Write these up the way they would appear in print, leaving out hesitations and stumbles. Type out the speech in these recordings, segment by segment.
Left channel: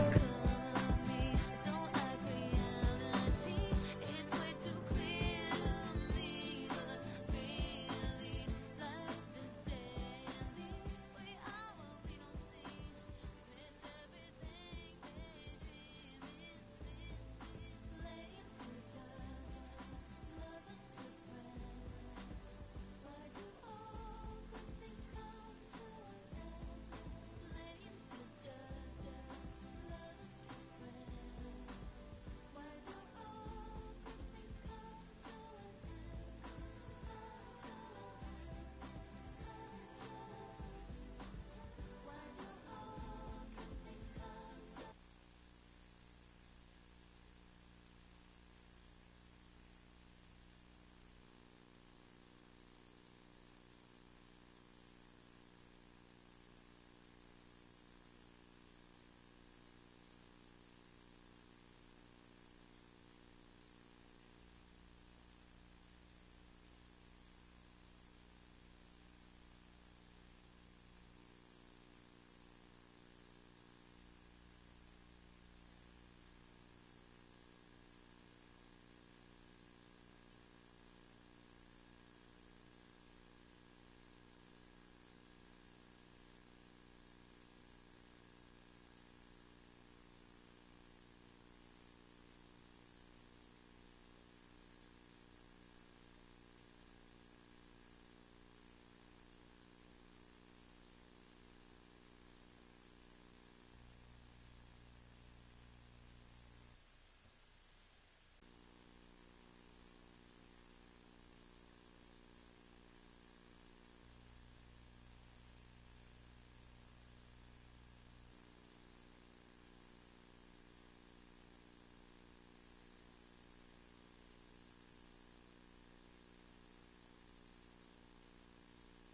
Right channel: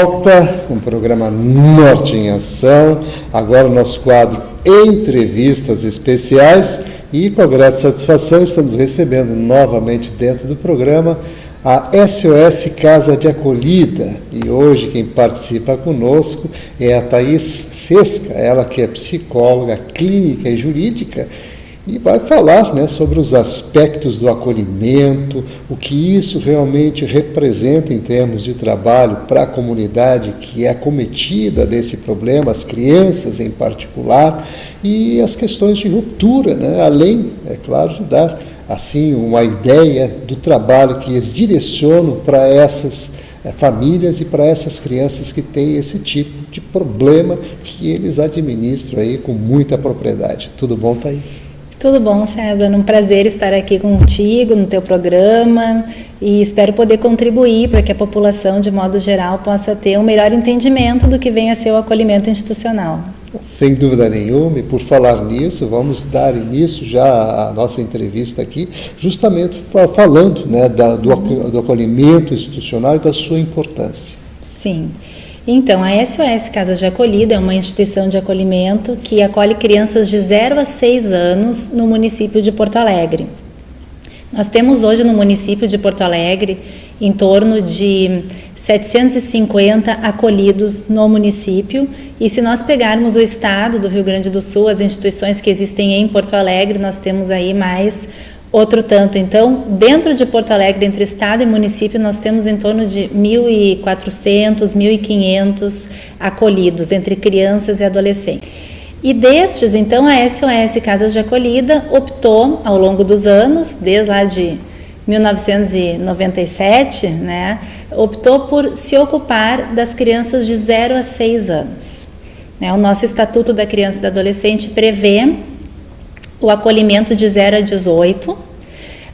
volta com o programa Norte em Ação, agora o nosso quadro Entrevistas Especiais, e com a grande satisfação estamos recebendo novamente dentro do programa a SOS Casa de Acolhida, e hoje quem participa conosco é a Thaís Sesca, ela que é psicóloga clínica e jurídica, e vai falar, né, sobre os aspectos do acolhimento, o que isso realmente representa em termos de trabalho para a comunidade que é acometida desse problema, as crianças em particular, e as questões de ruptura, né, além, é claro, de dar assim uma ideia do trabalho que eles direcionam para essas famílias e para essas crianças que têm esse tipo de problema que eles administram aí com muita propriedade. Tudo bom, Thaís? Tudo bom, César. Um prazer estar aqui contigo no teu programa e espero poder contribuir para que a população, de modo geral, possa ter um melhor entendimento do que vem a ser o acolhimento institucional. Sem dúvida nenhuma, e por falar nisso, vamos dar início já à nossa entrevista aqui, justamente falando, né, do acolhimento institucional e da sua importância. Sim. Então, a SOS Casas de Acolhida é uma instituição de acolhimento que acolhe crianças de 0 a 6 anos no município de Porto Alegre. Nós temos hoje no município de Porto Alegre em torno de 750 acolhidos no município, e se nós pegarmos o estado do Rio Grande do Sul, as instituições que existem em Porto Alegre, nós temos aí mais outro tanto. Então, dentro de Porto Alegre, entre estado e município, nós temos em torno de 1.400, 1.500 acolhidos, entre crianças e adolescentes. E destes, então, a SOS Casas de Acolhida optou, ao longo dos anos, desde lá de 1997, né, optou por se ocupar das crianças de 0 a 6 anos. O nosso Estatuto da Criança e do Adolescente prevê o acolhimento de 0 a 18,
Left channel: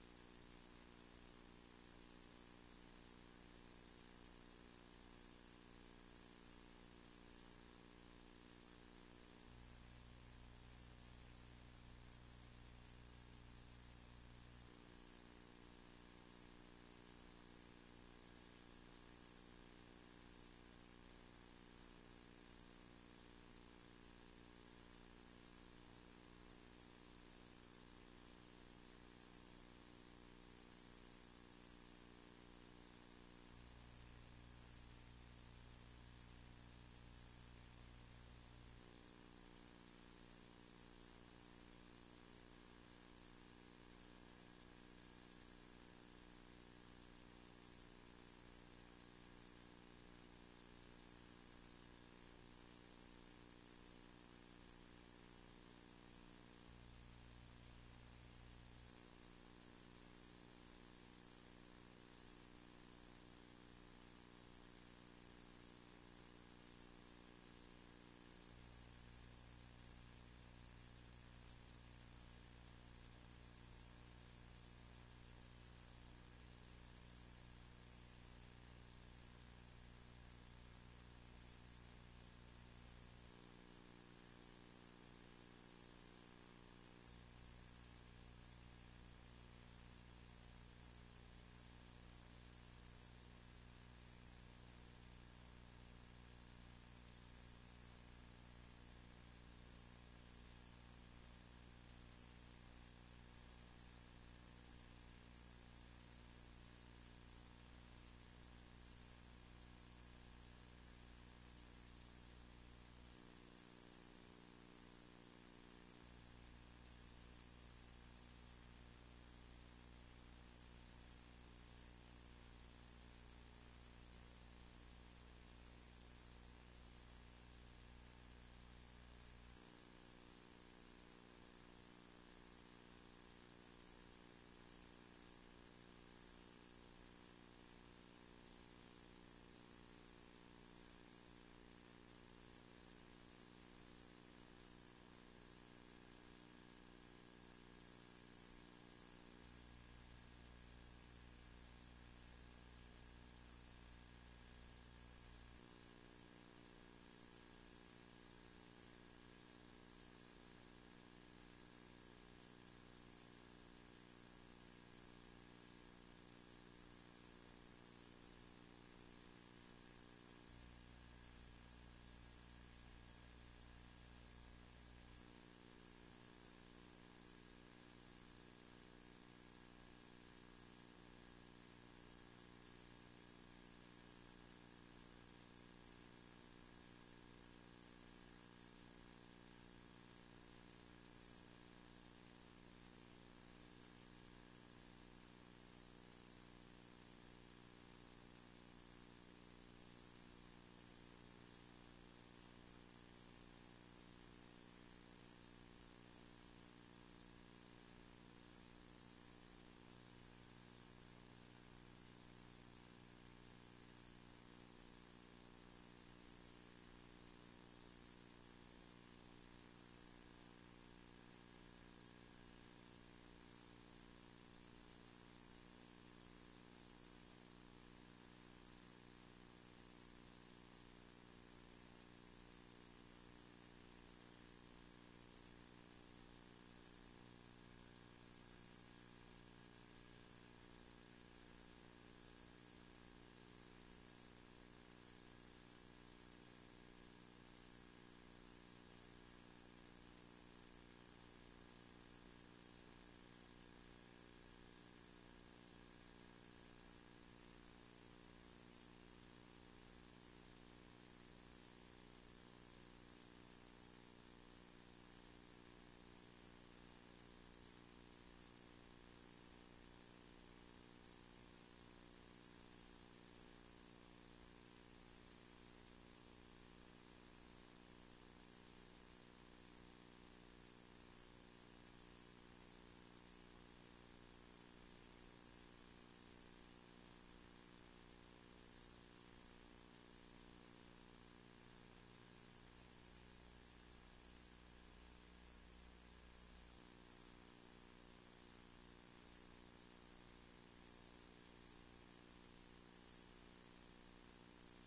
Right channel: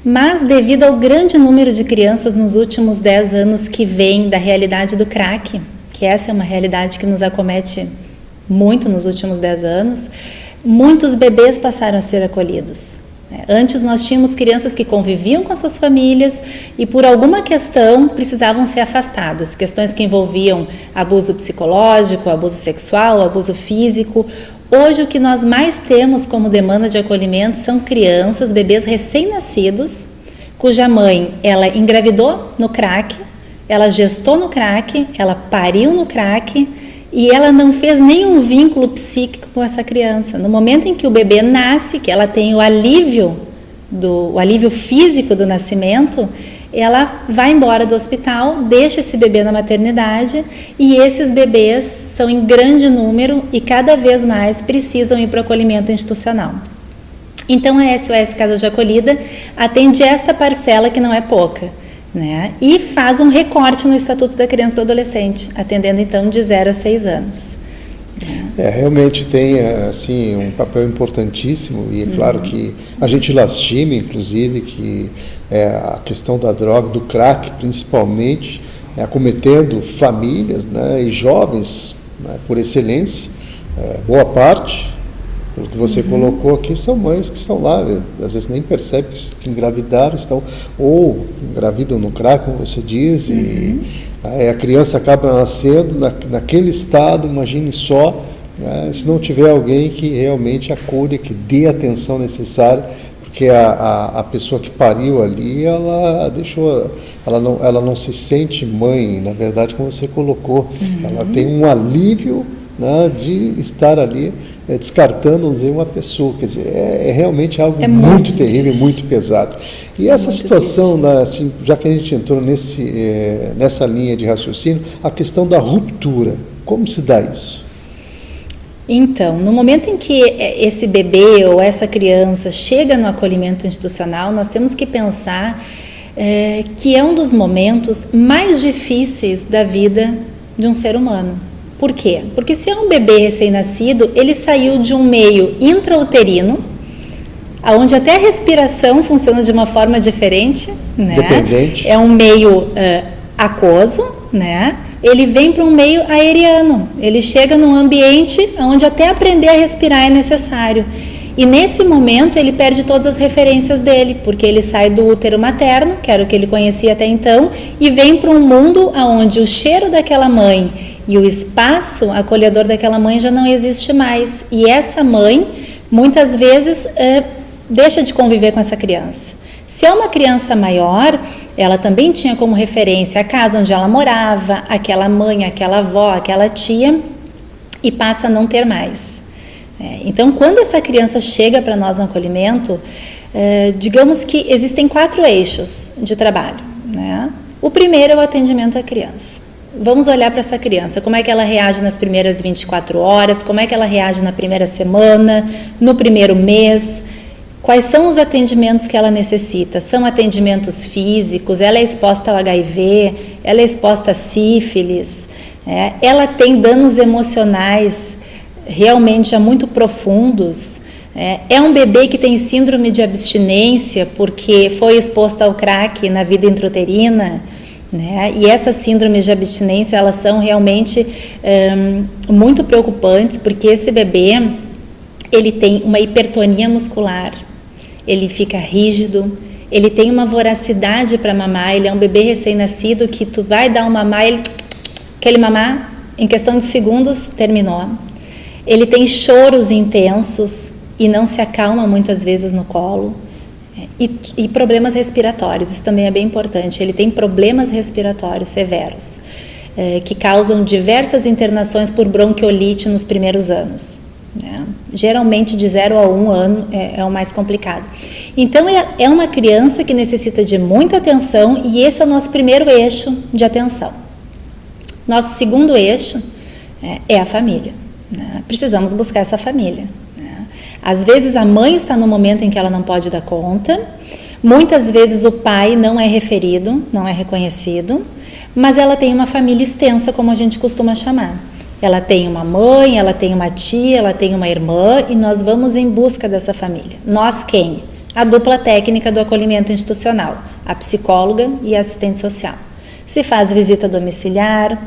mas devido ao grande número de crianças nos últimos 10 anos que vem da realidade do crack, que essa é uma realidade que nos acomete muito nos últimos 10 anos, muitos bebês passaram a ser acolhidos. Antes nós tínhamos crianças que conviviam com as suas famílias e por alguma questão precisavam ser afastadas, questões que envolviam abuso psicológico, abuso sexual, abuso físico. Hoje o que nós mais temos como demanda de acolhimento são crianças, bebês recém-nascidos, cuja mãe, ela engravidou no crack, ela gestou no crack, ela pariu no crack e ela não fez nenhum vínculo psíquico com essa criança. No momento em que o bebê nasce, que ela tem o alívio físico do nascimento, ela vai embora do hospital, deixa esse bebê na maternidade, e esses bebês são em grande número e cada vez mais precisam ir para o acolhimento institucional. Então a SOS Casa de Acolhida atende esta parcela que não é pouca, né? E faz um recorte no Estatuto da Criança e do Adolescente, atendendo então de 0 a 6 anos. Realmente tem assim, um papel importantíssimo, e é claro que a gente lastima, inclusive, que a questão da droga, do crack principalmente, acometendo famílias, né, e jovens, né, por excelência. Boa parte, pelo que você colocou aqui, são mães que estão lá, às vezes nem percebem que engravidaram, ou engravidam no crack, como você diz, e a criança acaba nascendo naquele estado, imagine só, né, se não tiver alguém que realmente acolha, que dê a atenção necessária, porque a pessoa que pariu ali, ela não se sente mãe, na verdade, como você colocou, ela tem um alívio, né, de estar ali descartando, vamos dizer, uma pessoa, quer dizer, é realmente algo muito terrível, muito pesado. E essa situação, né, assim, já que a gente entrou nessa linha de raciocínio, a questão da ruptura, como se dá isso? Então, no momento em que esse bebê ou essa criança chega no acolhimento institucional, nós temos que pensar que é um dos momentos mais difíceis da vida de um ser humano. Por quê? Porque se é um bebê recém-nascido, ele saiu de um meio intrauterino, onde até a respiração funciona de uma forma diferente, né? Dependente. É um meio aquoso, né? Ele vem para um meio aeriano, ele chega num ambiente onde até aprender a respirar é necessário. E nesse momento ele perde todas as referências dele, porque ele sai do útero materno, que era o que ele conhecia até então, e vem para um mundo onde o cheiro daquela mãe e o espaço acolhedor daquela mãe já não existe mais. E essa mãe, muitas vezes, deixa de conviver com essa criança. Se é uma criança maior, ela também tinha como referência a casa onde ela morava, aquela mãe, aquela avó, aquela tia, e passa a não ter mais. Então, quando essa criança chega para nós no acolhimento, digamos que existem 4 eixos de trabalho, né? O primeiro é o atendimento à criança. Vamos olhar para essa criança, como é que ela reage nas primeiras 24 horas, como é que ela reage na primeira semana, no primeiro mês, quais são os atendimentos que ela necessita. São atendimentos físicos, ela é exposta ao HIV, ela é exposta a sífilis, ela tem danos emocionais realmente já muito profundos, é um bebê que tem síndrome de abstinência porque foi exposto ao crack na vida intrauterina, né? E essas síndromes de abstinência, elas são realmente muito preocupantes, porque esse bebê, ele tem uma hipertonia muscular, ele fica rígido, ele tem uma voracidade para mamar, ele é um bebê recém-nascido que tu vai dar um mamar, aquele mamar, em questão de segundos, terminou. Ele tem choros intensos e não se acalma muitas vezes no colo. E problemas respiratórios, isso também é bem importante. Ele tem problemas respiratórios severos, que causam diversas internações por bronquiolite nos primeiros anos, né? Geralmente de 0 a 1 ano é o mais complicado. Então é uma criança que necessita de muita atenção, e esse é o nosso primeiro eixo de atenção. Nosso segundo eixo é a família, né? Precisamos buscar essa família. Às vezes a mãe está no momento em que ela não pode dar conta, muitas vezes o pai não é referido, não é reconhecido, mas ela tem uma família extensa, como a gente costuma chamar. Ela tem uma mãe, ela tem uma tia, ela tem uma irmã, e nós vamos em busca dessa família. Nós quem? A dupla técnica do acolhimento institucional, a psicóloga e a assistente social. Se faz visita domiciliar,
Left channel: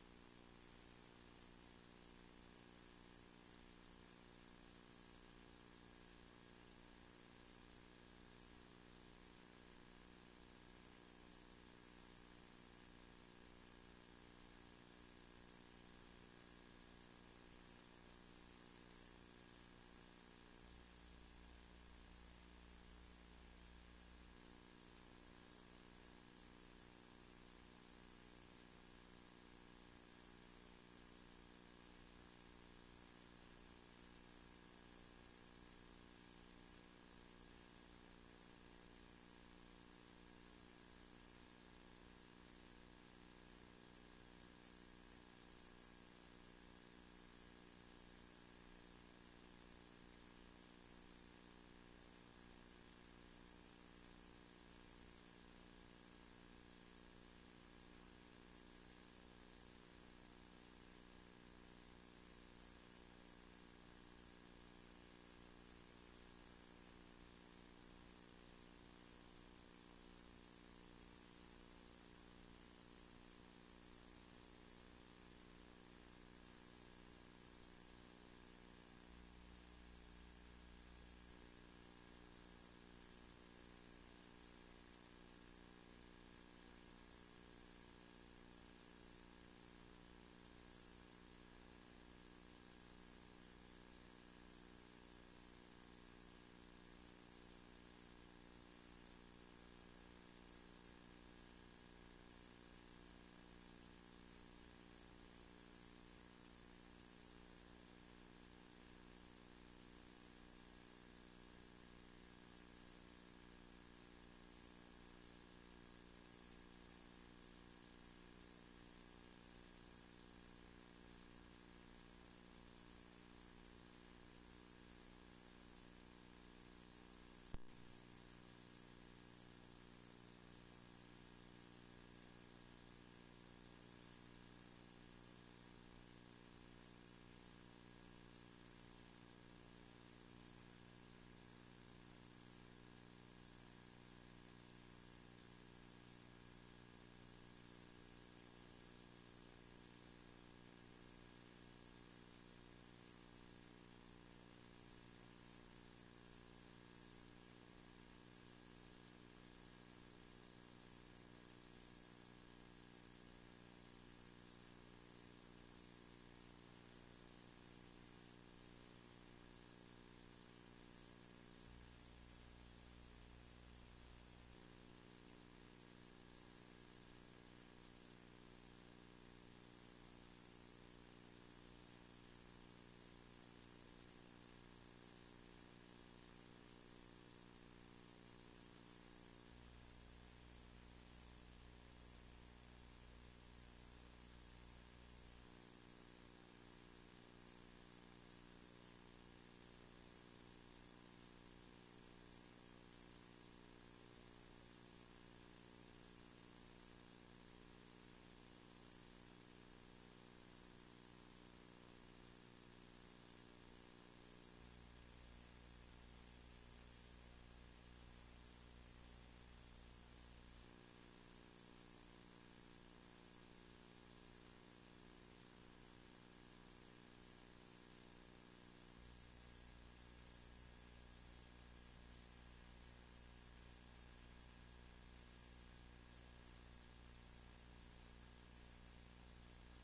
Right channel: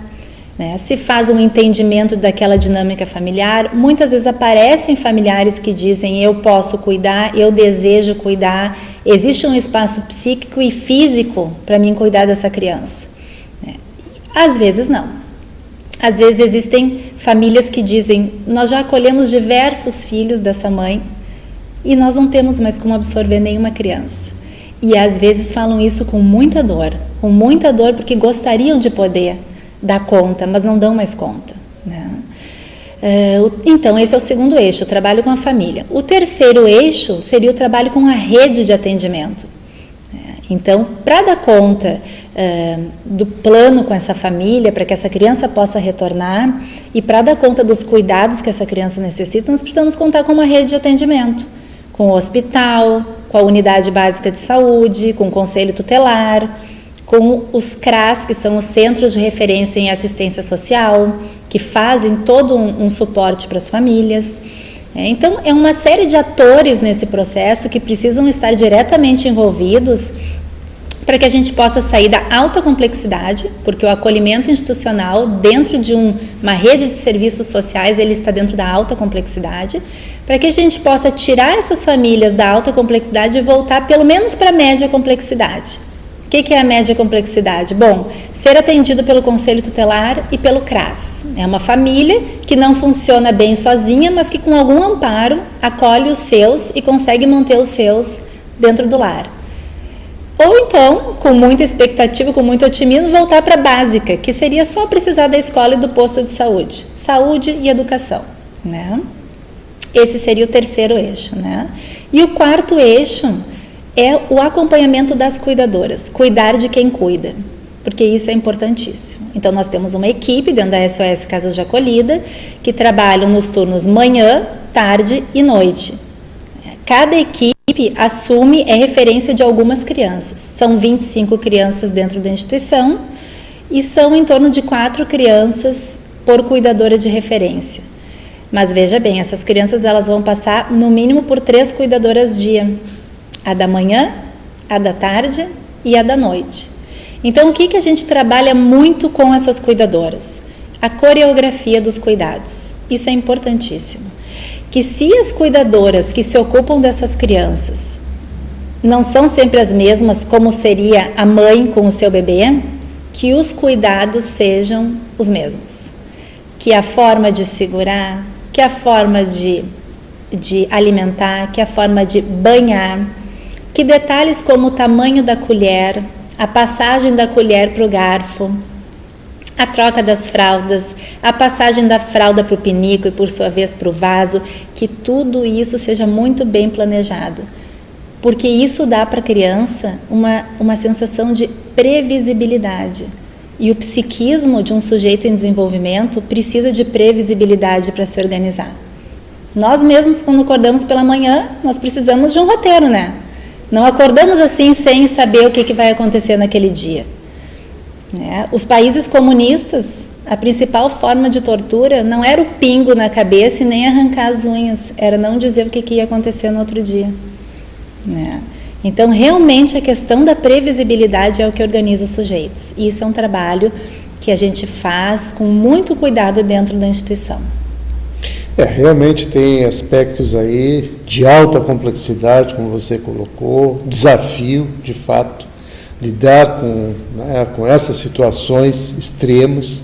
né? Se faz um entendimento daquela dinâmica familiar. Muitas vezes aparecem familiares que dizem: eu posso cuidar, eu desejo cuidar, existe um espaço psíquico e físico para mim cuidar dessa criança. Às vezes não. Às vezes existem famílias que dizem: nós já acolhemos diversos filhos dessa mãe e nós não temos mais como absorver nenhuma criança. E às vezes falam isso com muita dor porque gostariam de poder dar conta, mas não dão mais conta, né? Então, esse é o segundo eixo, o trabalho com a família. O terceiro eixo seria o trabalho com a rede de atendimento. Então, para dar conta do plano com essa família, para que essa criança possa retornar, e para dar conta dos cuidados que essa criança necessita, nós precisamos contar com uma rede de atendimento, com o hospital, com a unidade básica de saúde, com o conselho tutelar, com os CRAS, que são os Centros de Referência em Assistência Social, que fazem todo um suporte para as famílias. Então, é uma série de atores nesse processo que precisam estar diretamente envolvidos para que a gente possa sair da alta complexidade, porque o acolhimento institucional, dentro de uma rede de serviços sociais, ele está dentro da alta complexidade, para que a gente possa tirar essas famílias da alta complexidade e voltar pelo menos para a média complexidade. O que é a média complexidade? Bom, ser atendido pelo Conselho Tutelar e pelo CRAS. É uma família que não funciona bem sozinha, mas que com algum amparo acolhe os seus e consegue manter os seus dentro do lar. Ou então, com muita expectativa, com muito otimismo, voltar para a básica, que seria só precisar da escola e do posto de saúde. Saúde e educação, né? Esse seria o terceiro eixo, né? E o quarto eixo é o acompanhamento das cuidadoras, cuidar de quem cuida, porque isso é importantíssimo. Então, nós temos uma equipe dentro da SOS Casas de Acolhida que trabalham nos turnos manhã, tarde e noite. Cada equipe assume referência de algumas crianças. São 25 crianças dentro da instituição e são em torno de 4 crianças por cuidadora de referência. Mas veja bem, essas crianças elas vão passar no mínimo por 3 cuidadoras dia. A da manhã, a da tarde e a da noite. Então, o que a gente trabalha muito com essas cuidadoras? A coreografia dos cuidados. Isso é importantíssimo. que se as cuidadoras que se ocupam dessas crianças não são sempre as mesmas, como seria a mãe com o seu bebê, que os cuidados sejam os mesmos. Que a forma de segurar, que a forma de alimentar, que a forma de banhar, que detalhes como o tamanho da colher, a passagem da colher para o garfo, a troca das fraldas, a passagem da fralda para o pinico e por sua vez para o vaso, que tudo isso seja muito bem planejado. Porque isso dá para a criança uma sensação de previsibilidade. E o psiquismo de um sujeito em desenvolvimento precisa de previsibilidade para se organizar. Nós mesmos, quando acordamos pela manhã, nós precisamos de um roteiro, né? Não acordamos assim sem saber o que vai acontecer naquele dia. Os países comunistas, a principal forma de tortura não era o pingo na cabeça e nem arrancar as unhas, era não dizer o que ia acontecer no outro dia. Então, realmente, a questão da previsibilidade é o que organiza os sujeitos. E isso é um trabalho que a gente faz com muito cuidado dentro da instituição. Realmente tem aspectos aí de alta complexidade, como você colocou, desafio, de fato, lidar com essas situações extremas,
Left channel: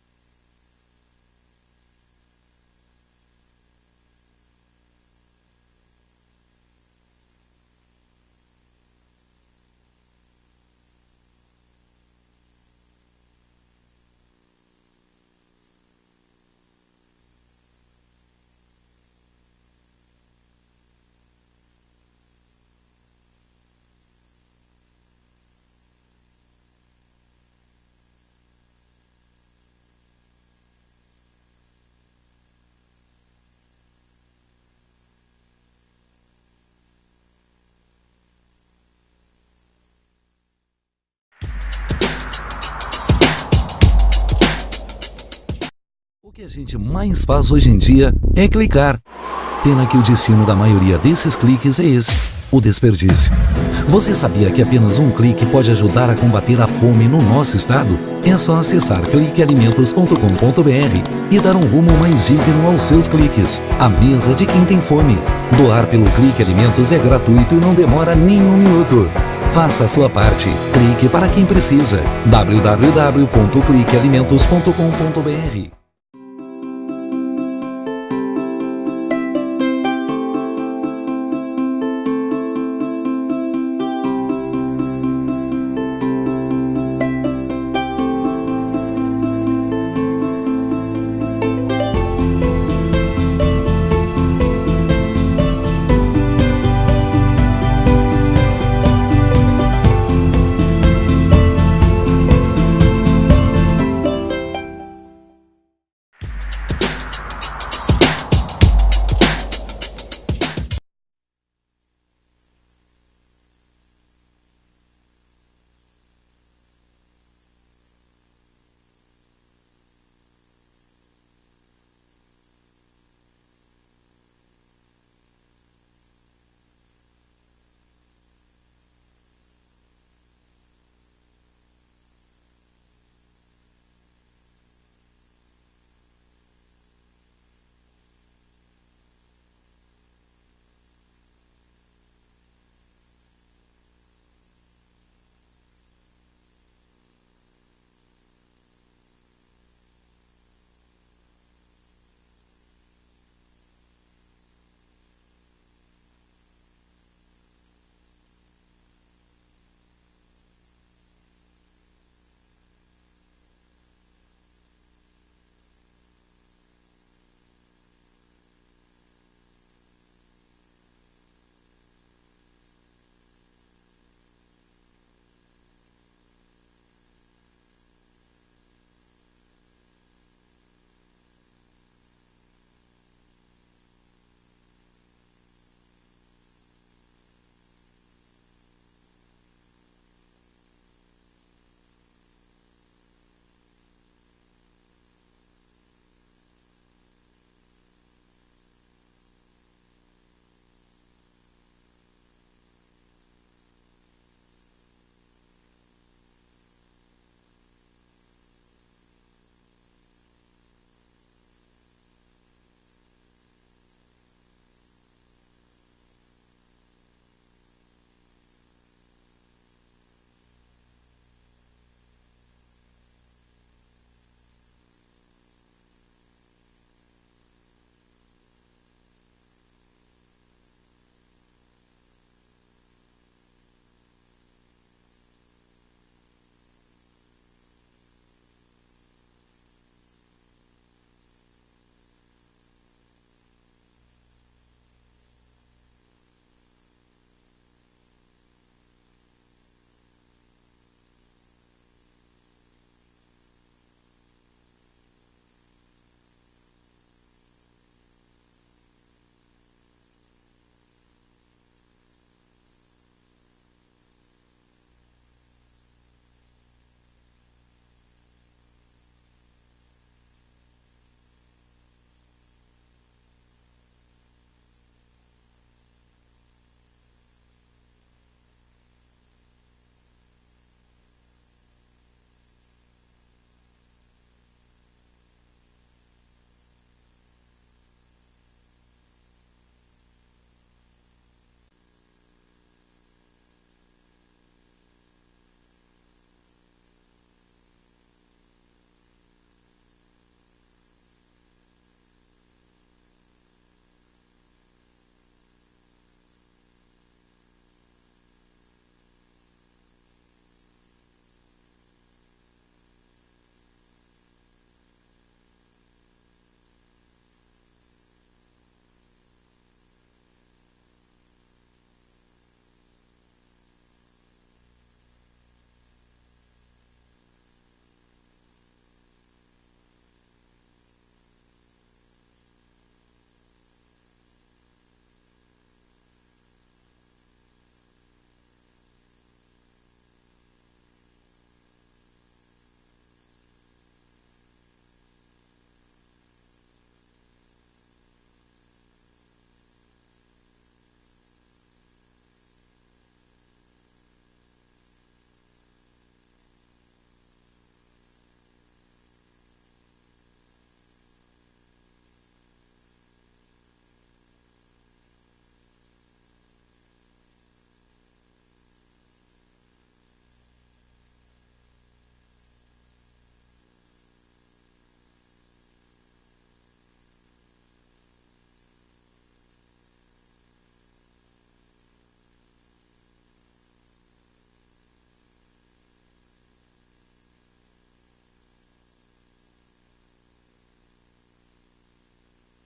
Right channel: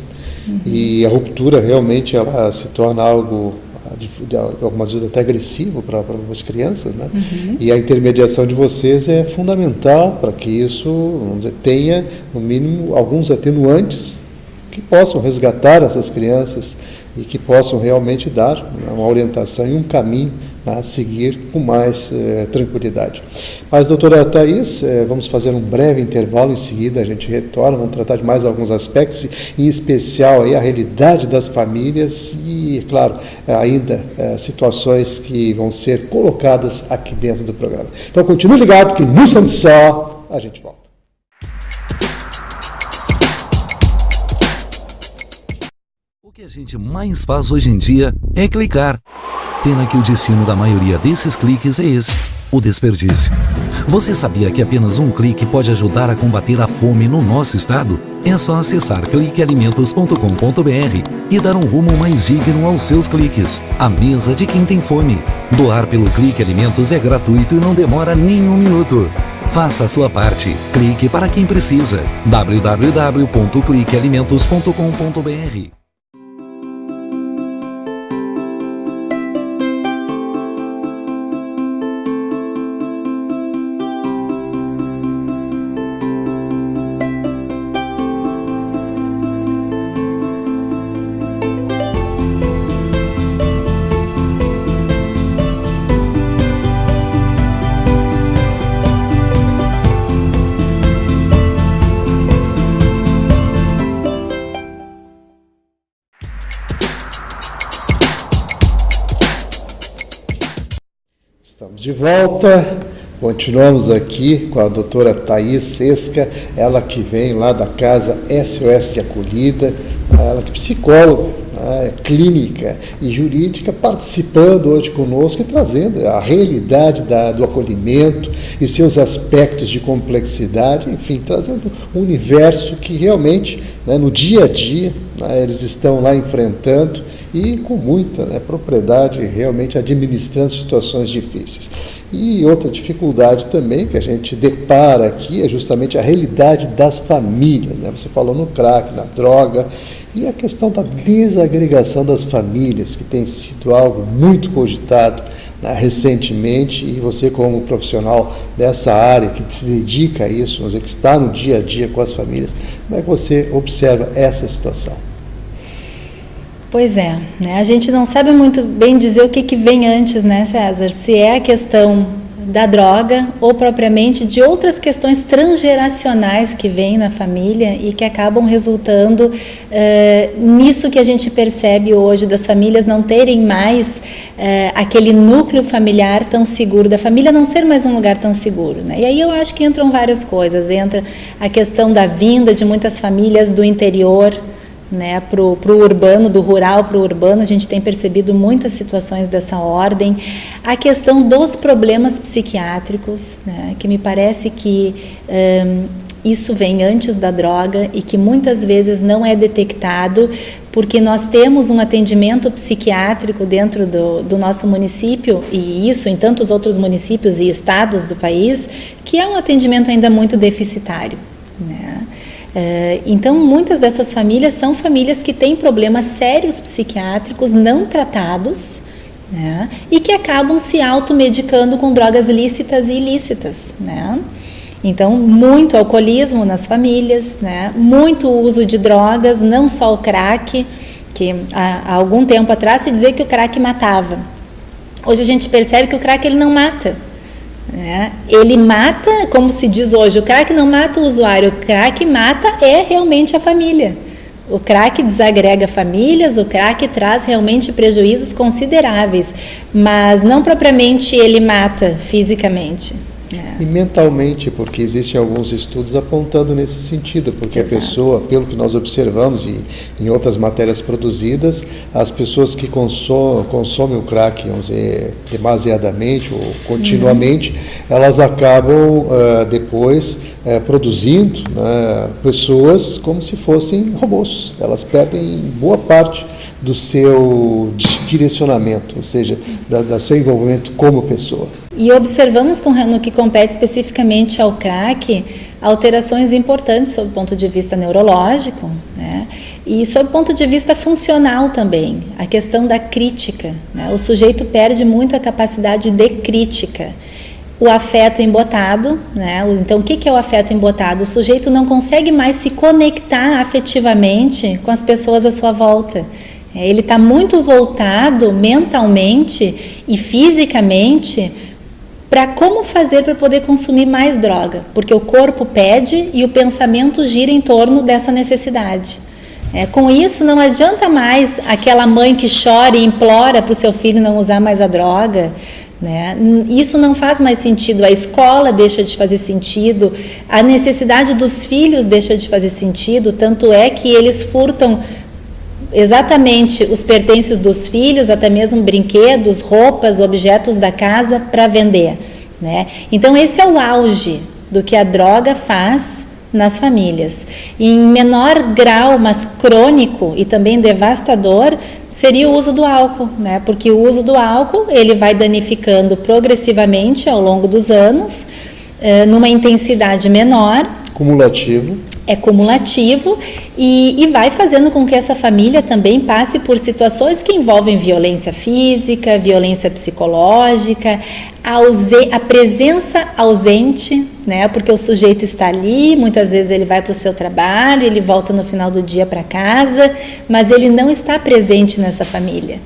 e a ruptura realmente ela se torna algo, algumas vezes até agressivo para as crianças, né? E a intermediação de vocês é fundamental para que isso, vamos dizer, tenha, no mínimo, alguns atenuantes que possam resgatar essas crianças e que possam realmente dar uma orientação e um caminho a seguir com mais tranquilidade. Mas, doutora Thais, vamos fazer um breve intervalo, em seguida a gente retorna, vamos tratar de mais alguns aspectos, em especial aí a realidade das famílias e, claro, ainda situações que vão ser colocadas aqui dentro do programa. Então, continue ligado que no Santo Só a gente volta. O que a gente mais faz hoje em dia é clicar. Pena que o destino da maioria desses cliques é esse, o desperdício. Você sabia que apenas um clique pode ajudar a combater a fome no nosso estado? É só acessar cliquealimentos.com.br e dar um rumo mais digno aos seus cliques. A mesa de quem tem fome. Doar pelo Clique Alimentos é gratuito e não demora nem um minuto. Faça a sua parte. Clique para quem precisa. www.cliquealimentos.com.br. Estamos de volta, continuamos aqui com a doutora Thais Sesca, ela que vem lá da Casa SOS de Acolhida, ela que é psicóloga, clínica e jurídica, participando hoje conosco e trazendo a realidade do acolhimento e seus aspectos de complexidade, enfim, trazendo um universo que realmente, no dia a dia, eles estão lá enfrentando e com muita propriedade, realmente administrando situações difíceis. E outra dificuldade também que a gente depara aqui é justamente a realidade das famílias. Você falou no crack, na droga, e a questão da desagregação das famílias, que tem sido algo muito cogitado recentemente, e você como profissional dessa área que se dedica a isso, que está no dia a dia com as famílias, como é que você observa essa situação? Pois é, a gente não sabe muito bem dizer o que vem antes, César? Se é a questão da droga ou propriamente de outras questões transgeracionais que vêm na família e que acabam resultando nisso que a gente percebe hoje, das famílias não terem mais aquele núcleo familiar tão seguro, da família não ser mais um lugar tão seguro. E aí eu acho que entram várias coisas, entra a questão da vinda de muitas famílias do interior, para o urbano, do rural para o urbano, a gente tem percebido muitas situações dessa ordem. A questão dos problemas psiquiátricos, que me parece que isso vem antes da droga e que muitas vezes não é detectado, porque nós temos um atendimento psiquiátrico dentro do nosso município, e isso em tantos outros municípios e estados do país, que é um atendimento ainda muito deficitário, né? Então, muitas dessas famílias são famílias que têm problemas sérios psiquiátricos não tratados, né? E que acabam se automedicando com drogas lícitas e ilícitas, né? Então, muito alcoolismo nas famílias, né? Muito uso de drogas, não só o crack, que há algum tempo atrás se dizia que o crack matava. Hoje a gente percebe que o crack ele não mata, né? Ele mata, como se diz hoje, o crack não mata o usuário, o crack mata realmente a família. O crack desagrega famílias, o crack traz realmente prejuízos consideráveis, mas não propriamente ele mata fisicamente. E mentalmente, porque existem alguns estudos apontando nesse sentido, porque Exato. A pessoa, pelo que nós observamos e em outras matérias produzidas, as pessoas que consomem o crack, vamos dizer, demasiadamente ou continuamente, elas acabam depois produzindo, né, pessoas como se fossem robôs. Elas perdem boa parte do seu direcionamento, ou seja, do seu envolvimento como pessoa. E observamos no que compete especificamente ao crack, alterações importantes sob o ponto de vista neurológico, né? E sob o ponto de vista funcional também, a questão da crítica, né? O sujeito perde muito a capacidade de crítica. O afeto embotado, né? Então, o que é o afeto embotado? O sujeito não consegue mais se conectar afetivamente com as pessoas à sua volta. Ele está muito voltado mentalmente e fisicamente para como fazer para poder consumir mais droga, porque o corpo pede e o pensamento gira em torno dessa necessidade. Com isso, não adianta mais aquela mãe que chora e implora para o seu filho não usar mais a droga, né? Isso não faz mais sentido, a escola deixa de fazer sentido, a necessidade dos filhos deixa de fazer sentido, tanto é que eles furtam exatamente os pertences dos filhos, até mesmo brinquedos, roupas, objetos da casa para vender, né? Então esse é o auge do que a droga faz nas famílias. E em menor grau, mas crônico e também devastador, seria o uso do álcool, né? Porque o uso do álcool ele vai danificando progressivamente ao longo dos anos, numa intensidade menor. Cumulativo. É cumulativo e vai fazendo com que essa família também passe por situações que envolvem violência física, violência psicológica, a presença ausente, né? Porque o sujeito está ali, muitas vezes ele vai para o seu trabalho, ele volta no final do dia para casa, mas ele não está presente nessa família,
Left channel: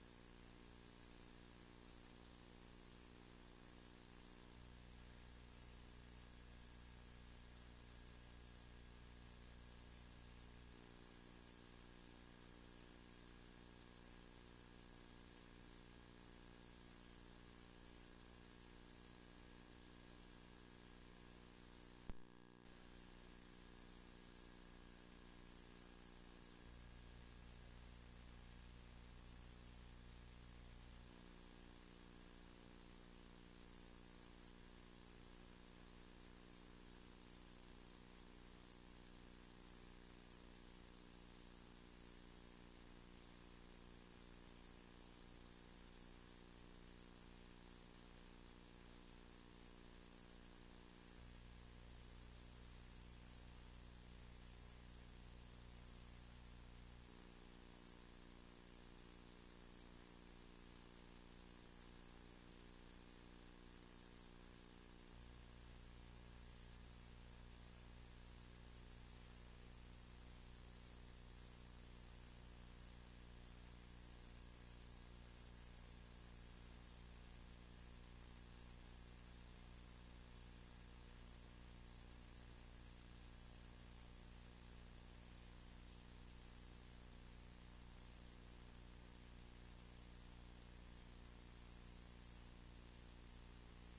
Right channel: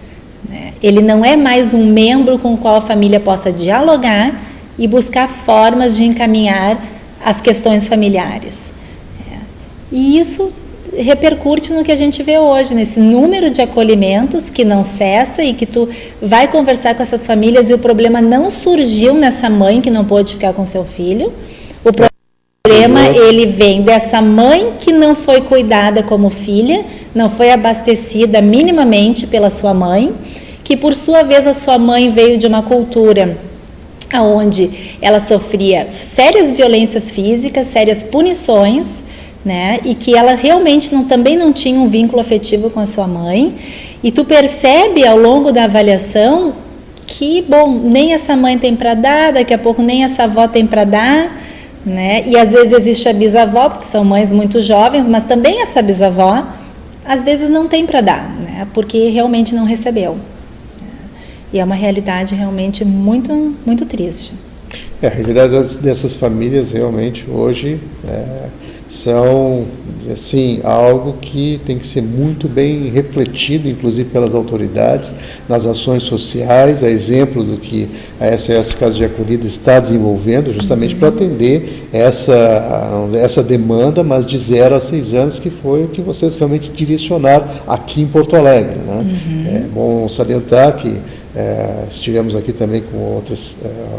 né? Ele não é mais um membro com o qual a família possa dialogar e buscar formas de encaminhar as questões familiares. E isso repercute no que a gente vê hoje, nesse número de acolhimentos que não cessa e que tu vai conversar com essas famílias e o problema não surgiu nessa mãe que não pôde ficar com seu filho. O problema, ele vem dessa mãe que não foi cuidada como filha, não foi abastecida minimamente pela sua mãe, que por sua vez a sua mãe veio de uma cultura onde ela sofria sérias violências físicas, sérias punições, né? E que ela realmente também não tinha um vínculo afetivo com a sua mãe, e tu percebe ao longo da avaliação que, bom, nem essa mãe tem para dar, daqui a pouco nem essa avó tem para dar, né? E às vezes existe a bisavó, porque são mães muito jovens, mas também essa bisavó às vezes não tem para dar, né? Porque realmente não recebeu. E é uma realidade realmente muito, muito triste. A realidade dessas famílias realmente hoje são, assim, algo que tem que ser muito bem refletido, inclusive pelas autoridades, nas ações sociais, a exemplo do que a SOS Casa de Acolhida está desenvolvendo, justamente para atender essa demanda, mas de 0 a 6 anos, que foi o que vocês realmente direcionaram aqui em Porto Alegre, né? É bom salientar que estivemos aqui também com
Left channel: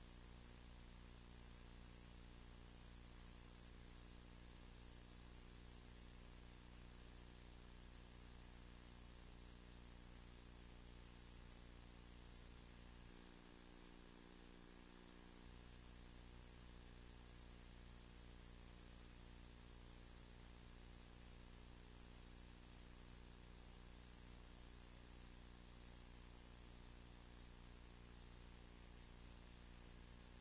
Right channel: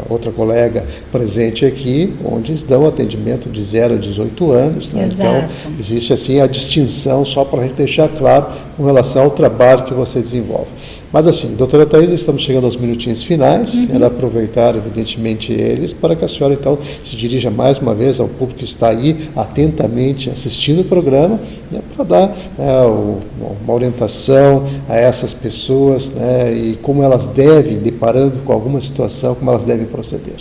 outra colega presente aqui, onde dão atendimento de 0 a 18 anos. Né? Então, existe assim a distinção, só para a gente deixar claro com relação ao trabalho que você desenvolve. Mas assim, doutora Thaís, estamos chegando aos minutinhos finais, quero aproveitar evidentemente eles para que a senhora então se dirija mais uma vez ao público que está aí atentamente assistindo o programa, né, para dar uma orientação a essas pessoas, né, e como elas devem, deparando com alguma situação, como elas devem proceder.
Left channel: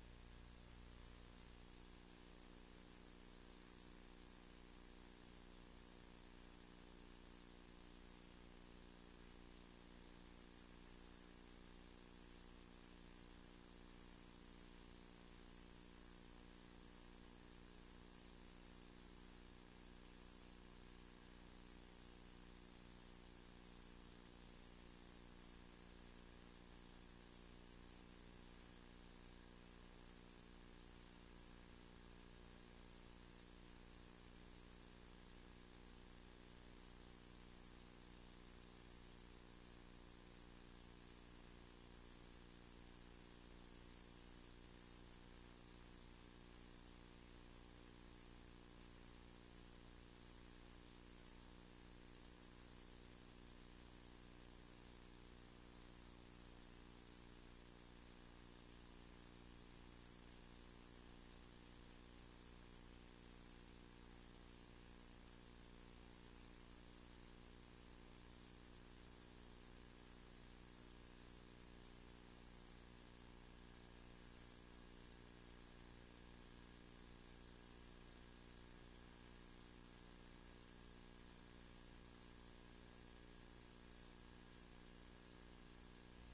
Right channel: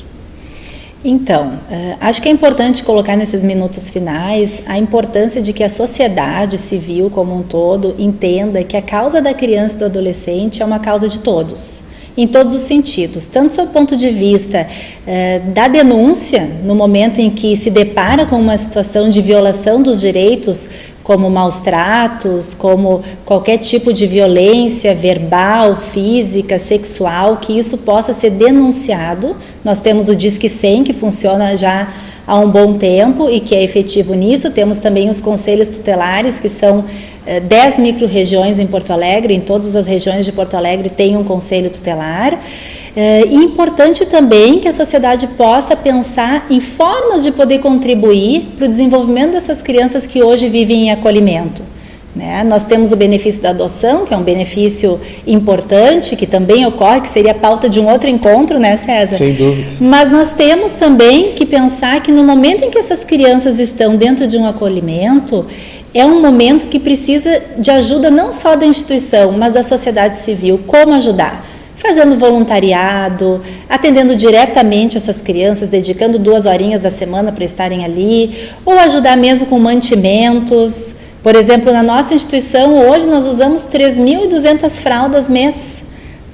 Então, acho que é importante colocar nesses minutos finais a importância de que a sociedade civil como um todo entenda que a causa da criança e do adolescente é uma causa de todos, em todos os sentidos, tanto do seu ponto de vista da denúncia, no momento em que se depara com uma situação de violação dos direitos, como maus tratos, como qualquer tipo de violência verbal, física, sexual, que isso possa ser denunciado. Nós temos o Disque 100, que funciona já há um bom tempo e que é efetivo nisso. Temos também os conselhos tutelares, que são 10 micro-regiões em Porto Alegre, em todas as regiões de Porto Alegre tem um conselho tutelar. E importante também que a sociedade possa pensar em formas de poder contribuir para o desenvolvimento dessas crianças que hoje vivem em acolhimento. Né? Nós temos o benefício da adoção, que é um benefício importante, que também ocorre, que seria a pauta de um outro encontro, né, César? Sem dúvida. Mas nós temos também que pensar que no momento em que essas crianças estão dentro de um acolhimento, é um momento que precisa de ajuda não só da instituição, mas da sociedade civil. Como ajudar? Fazendo voluntariado, atendendo diretamente essas crianças, dedicando 2 horinhas da semana para estarem ali, ou ajudar mesmo com mantimentos. Por exemplo, na nossa instituição, hoje nós usamos 3.200 fraldas mês,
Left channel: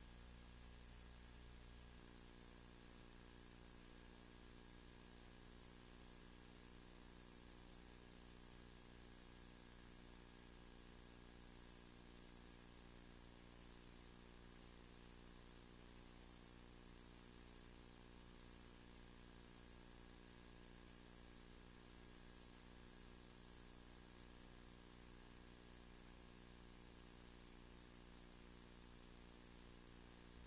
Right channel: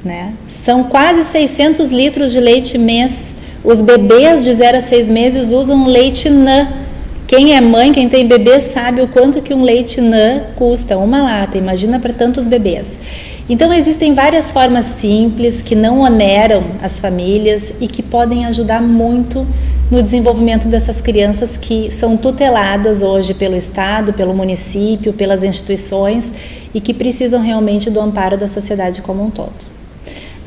né? São quase 600 litros de leite mês. Os bebês de 0 a 6 meses usam leite NAN. Quem é mãe, quem tem bebê, sabe o quanto que um leite NAN custa, uma lata, imagina para tantos bebês. Então, existem várias formas simples que não oneram as famílias e que podem ajudar muito no desenvolvimento dessas crianças que são tuteladas hoje pelo Estado, pelo município, pelas instituições e que precisam realmente do amparo da sociedade como um todo.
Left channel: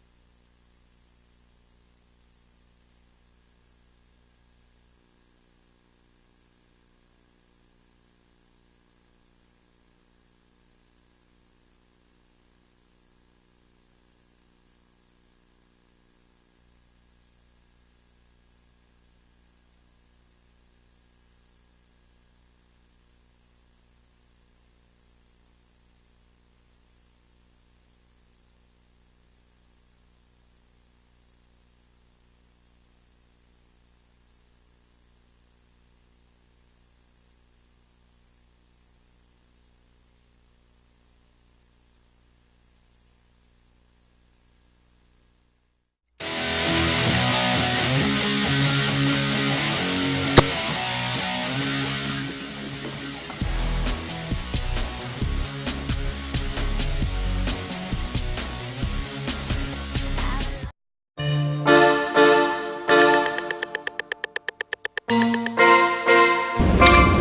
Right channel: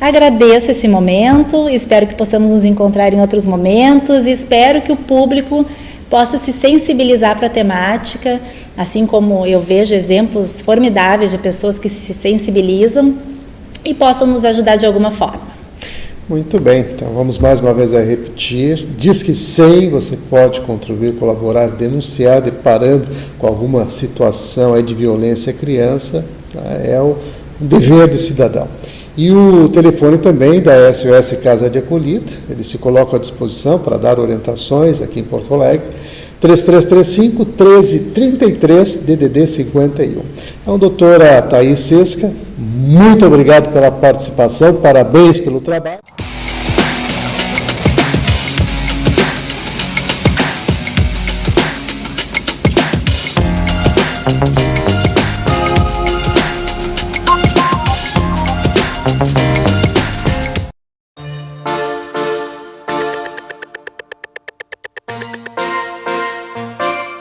Agradeço esse momento, espero que possamos nos encontrar em outros momentos e espero que o público possa se sensibilizar para a temática, assim como eu vejo exemplos formidáveis de pessoas que se sensibilizam e possam nos ajudar de alguma forma. Muito bem, então vamos mais uma vez a repetir. Disque 100, você pode contribuir, colaborar, denunciar, deparando com alguma situação aí de violência à criança, tá? É um dever do cidadão. E o telefone também da SOS Casa de Acolhida, ele se coloca à disposição para dar orientações aqui em Porto Alegre, 3335-1333, DDD 51. Então, doutora Thaís Sesca, muito obrigado pela participação, parabéns pelo trabalho.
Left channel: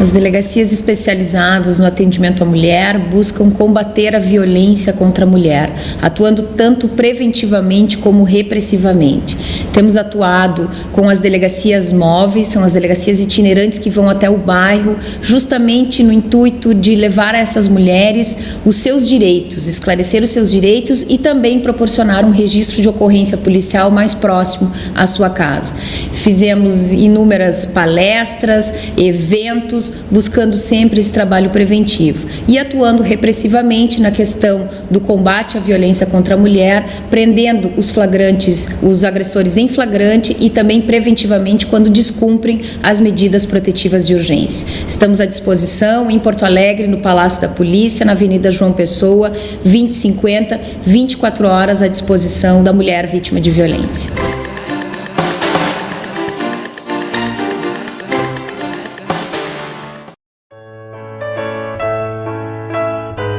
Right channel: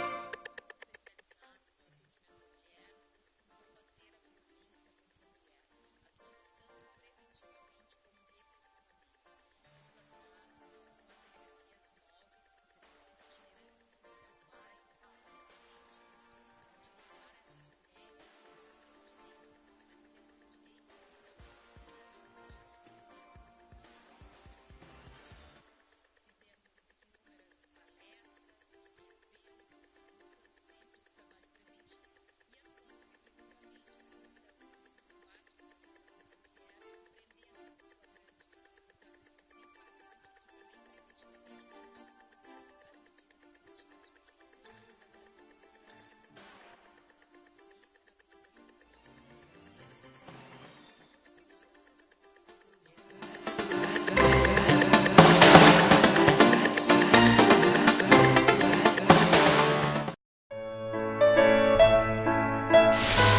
As delegacias especializadas no atendimento à mulher buscam combater a violência contra a mulher, atuando tanto preventivamente como repressivamente. Temos atuado com as delegacias móveis, são as delegacias itinerantes que vão até o bairro, justamente no intuito de levar a essas mulheres os seus direitos, esclarecer os seus direitos e também proporcionar um registro de ocorrência policial mais próximo à sua casa. Fizemos inúmeras palestras, eventos, buscando sempre esse trabalho preventivo e atuando repressivamente na questão do combate à violência contra a mulher, prendendo os flagrantes, os agressores em flagrante e também preventivamente quando descumprem as medidas protetivas de urgência. Estamos à disposição em Porto Alegre, no Palácio da Polícia, na Avenida João Pessoa, 2050, 24 horas à disposição da mulher vítima de violência.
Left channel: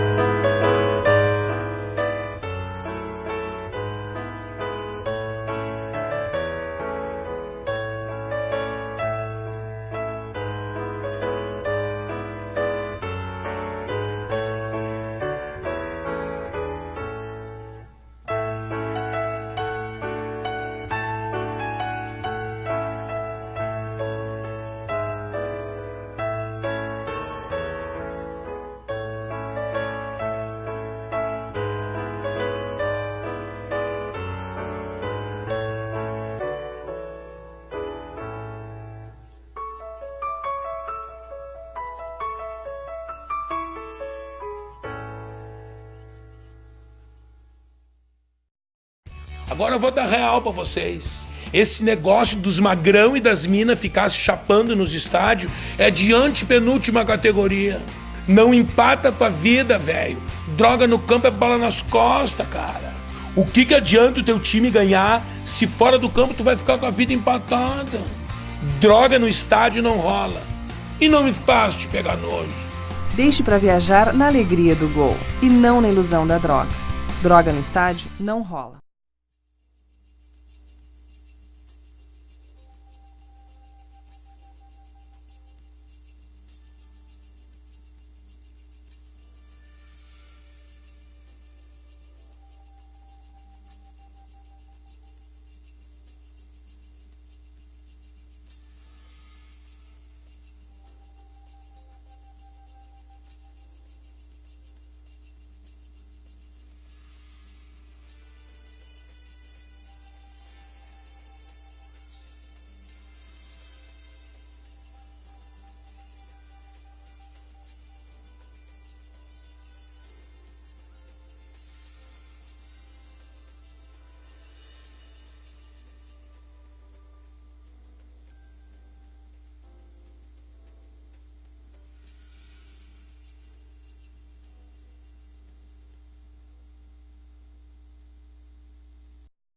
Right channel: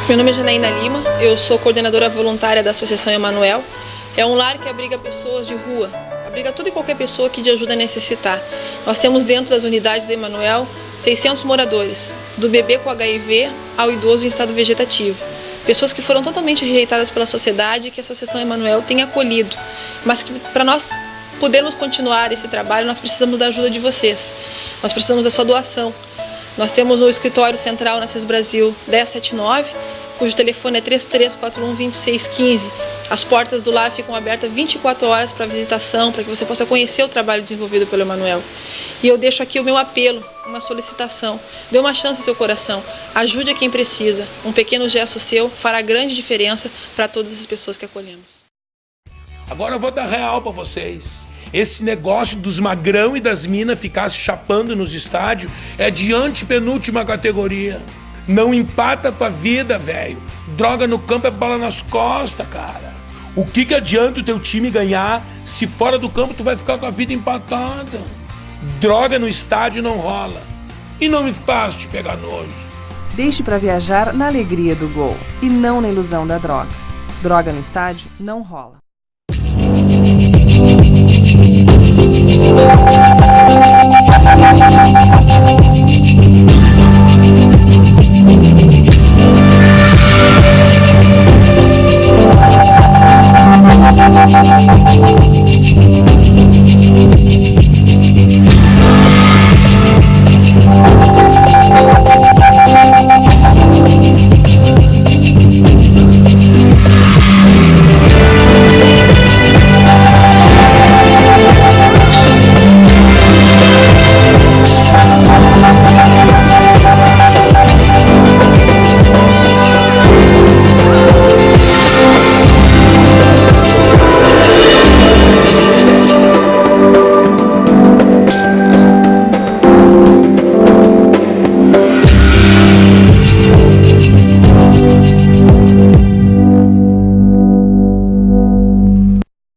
Meu nome é Janaína Lima, eu sou coordenadora voluntária da Associação Emanuel. É um lar que abriga pessoas de rua, abriga toda e qualquer pessoa que de ajuda necessitar. Nós temos dentro das unidades da Emanuel 600 moradores, do bebê com HIV ao idoso em estado vegetativo. pessoas que foram totalmente rejeitadas pela sociedade, que a Associação Emanuel tem acolhido, mas que para nós podermos continuar esse trabalho, nós precisamos da ajuda de vocês, nós precisamos da sua doação. Nós temos o escritório central na CIS Brasil 1079, cujo telefone é 3341-2615. As portas do lar ficam abertas 24 horas para visitação, para que você possa conhecer o trabalho desenvolvido pelo Emanuel. E eu deixo aqui o meu apelo, uma solicitação. Dê uma chance ao seu coração, ajude a quem precisa. Um pequeno gesto seu fará grande diferença para todas as pessoas que acolhemos. Agora eu vou dar real para vocês. Esse negócio dos magrão e das minas ficar se chapando nos estádios é de antepenúltima categoria. Não empata a tua vida, velho. Droga no campo é bola nas costas, cara. O que adianta o teu time ganhar se fora do campo tu vai ficar com a vida empatada? Droga no estádio não rola. E não me faz te pegar nojo. Deixe para viajar na alegria do gol e não na ilusão da droga. Droga no estádio não rola.